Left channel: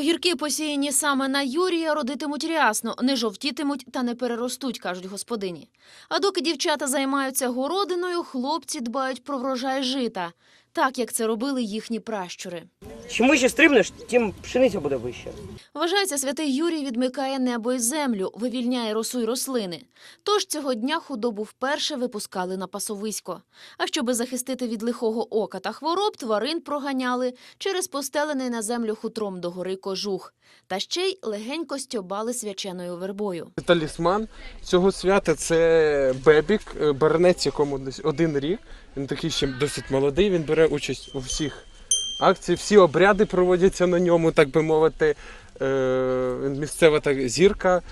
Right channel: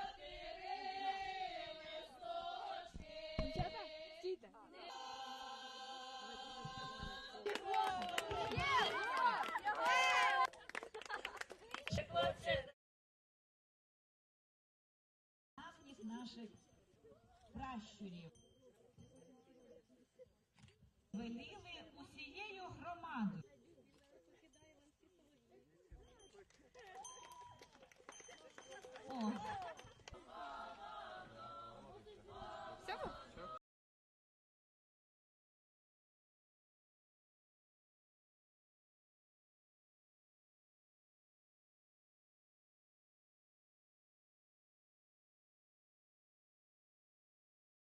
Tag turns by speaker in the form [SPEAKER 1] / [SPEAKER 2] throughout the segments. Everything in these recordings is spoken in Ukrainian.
[SPEAKER 1] Огірки, посіяні саме на Юрія, родитимуть рясно, не жовтітимуть та не переростуть, кажуть господині. А доки дівчата займаються городиною, хлопці дбають про врожай жита, так як це робили їхні пращури.
[SPEAKER 2] Чим вище стрибнеш, тим пшениця буде вища.
[SPEAKER 1] Вважається, святий Юрій відмикає небо й землю, вивільняє росу й рослини. Тож цього дня худобу вперше випускали на пасовисько. А щоби захистити від лихого ока та хвороб, тварин проганяли через постелений на землю хутром до гори кожух. Та ще й легенько стьобали свяченою вербою.
[SPEAKER 3] Талісман цього свята це бебік, е, баранець, якому десь один рік. Він такий ще досить молодий. Він бере участь у всіх акціях, всі обряди проводяться на ньому, так би мовити. Е, місцева так зірка.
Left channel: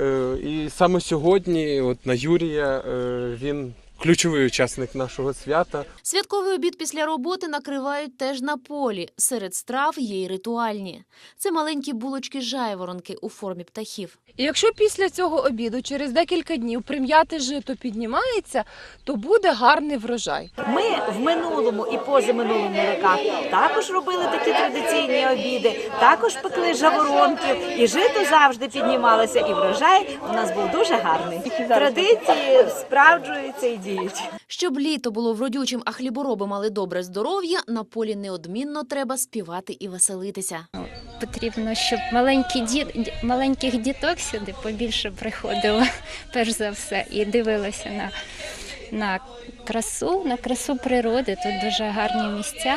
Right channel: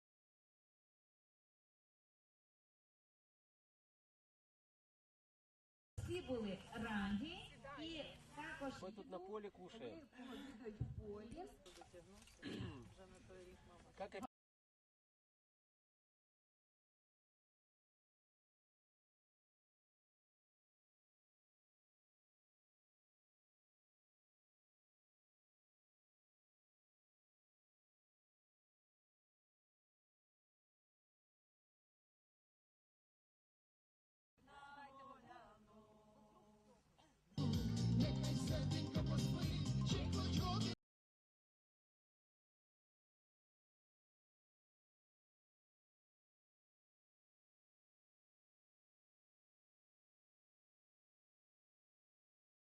[SPEAKER 3] Е, І саме сьогодні, от на Юрія, е, він ключовий учасник нашого свята.
[SPEAKER 1] Святковий обід після роботи накривають теж на полі. Серед страв є й ритуальні. Це маленькі булочки жайворонки у формі птахів.
[SPEAKER 4] І якщо після цього обіду через декілька днів прим'яте жито піднімається, то буде гарний врожай.
[SPEAKER 5] Ми в минулому і позаминулому роках також робили такі традиційні обіди, також пекли жаворонків, і жито завжди піднімалося, і врожай у нас був дуже гарний. Традиції справджуються і діють.
[SPEAKER 1] Щоб літо було вродючим, а хлібороби мали добре здоров'я, на полі неодмінно треба співати і веселитися.
[SPEAKER 6] Потрібно, щоб маленькі діт, ді- маленьких діток сюди побільше приходило, перш за все, і дивилося на, на красу, на красу природи. Тут дуже гарні місця,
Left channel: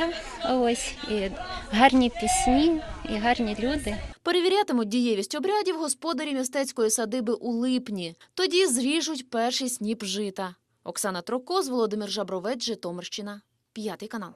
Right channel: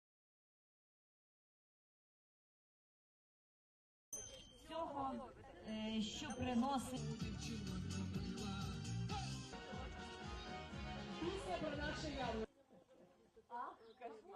[SPEAKER 6] ось, і гарні пісні, і гарні люди.
[SPEAKER 1] Перевірятимуть дієвість обрядів господарі містецької садиби у липні. Тоді зріжуть перший сніп жита. Оксана Трокоз, Володимир Жабровець, Житомирщина. П'ятий канал.